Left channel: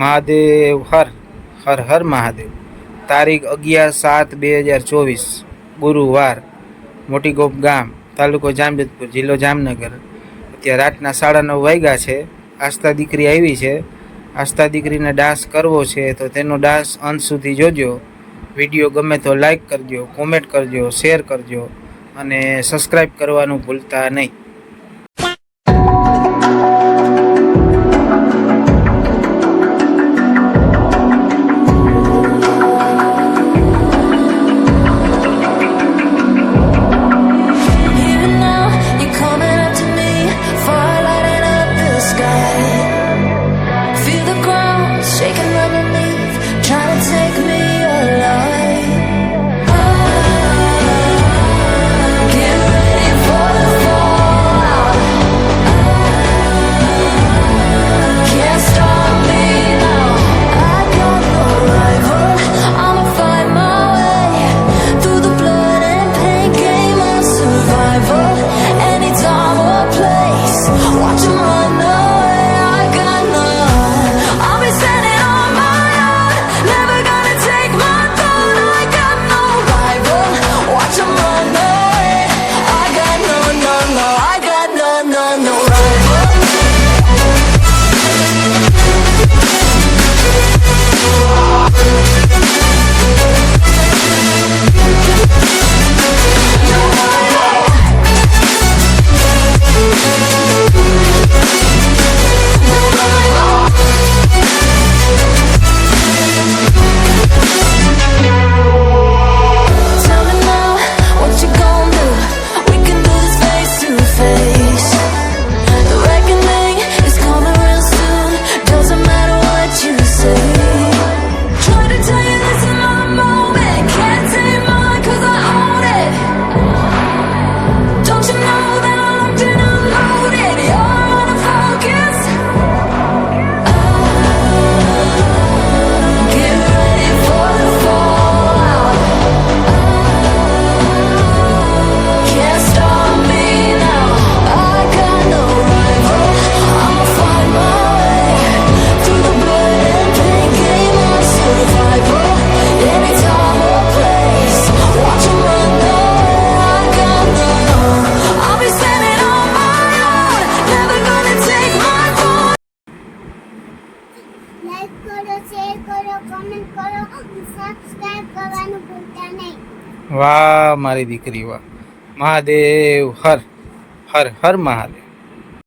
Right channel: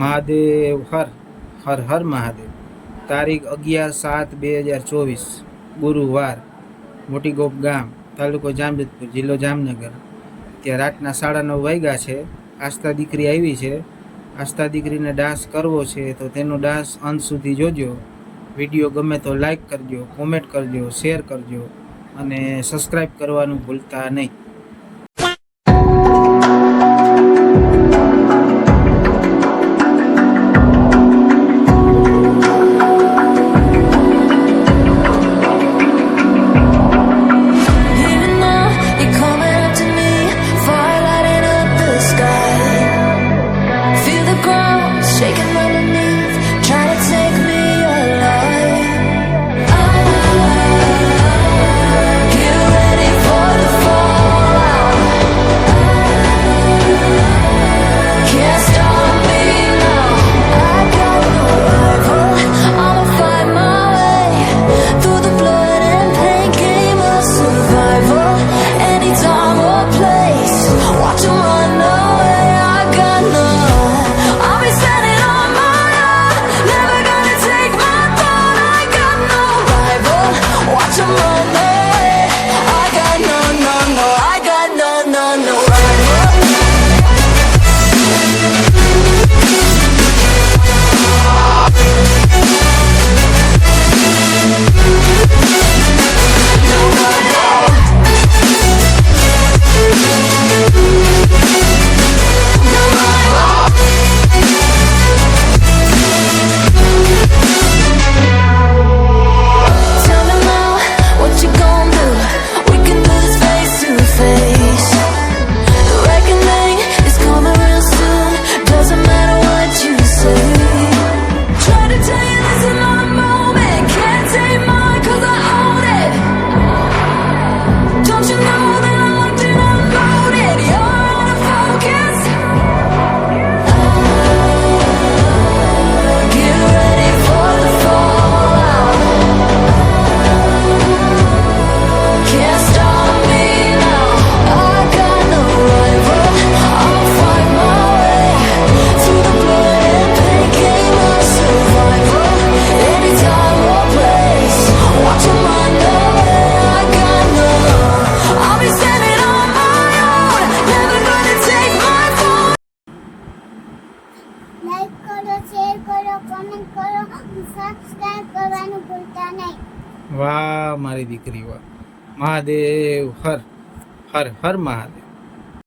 મહાદેવ હર હર હર મહાદેવ। તારીખ 11/7/2024 ગુરુવાર। મોટી ગોપ ગામ, તાલુકો જામજોધપુર, જિલ્લો જામનગર। અત્યારે રાતના 9:30 વાગ્યા છે। આસ્થા દીકરી આવી છે। આસ્થા દીકરીને ડાન્સ કરવો છે તો તેનો ડાન્સ અંત સુધી જોજો। વિડીયો ગમે તો લાઈક કરજો, કોમેન્ટ કરજો, શેર કરજો અને સબસ્ક્રાઈબ કરવાનું ભૂલતા નહીં। Coming up to me, fire lighting up the sky. Feel the ground shaking underneath, trying to take me alive. Get ready for the fallout. Can't stop me now. I got no rival. I'ma fight my way through the blood and pain game of survival. Time or place, watch them run away. I got none. I'll be standing on my own, never gonna take my throne. I got no rival, watch them run away. I got no, no, no, I got no, no, no rival. Like કરો, શેર કરો, કમેન્ટ કરો, સબસ્ક્રાઇબ કરવાનું ભૂલતા નહીં। વાહ મારી દીકરી વાહ। મહાદેવ હર હર હર મહાદેવ।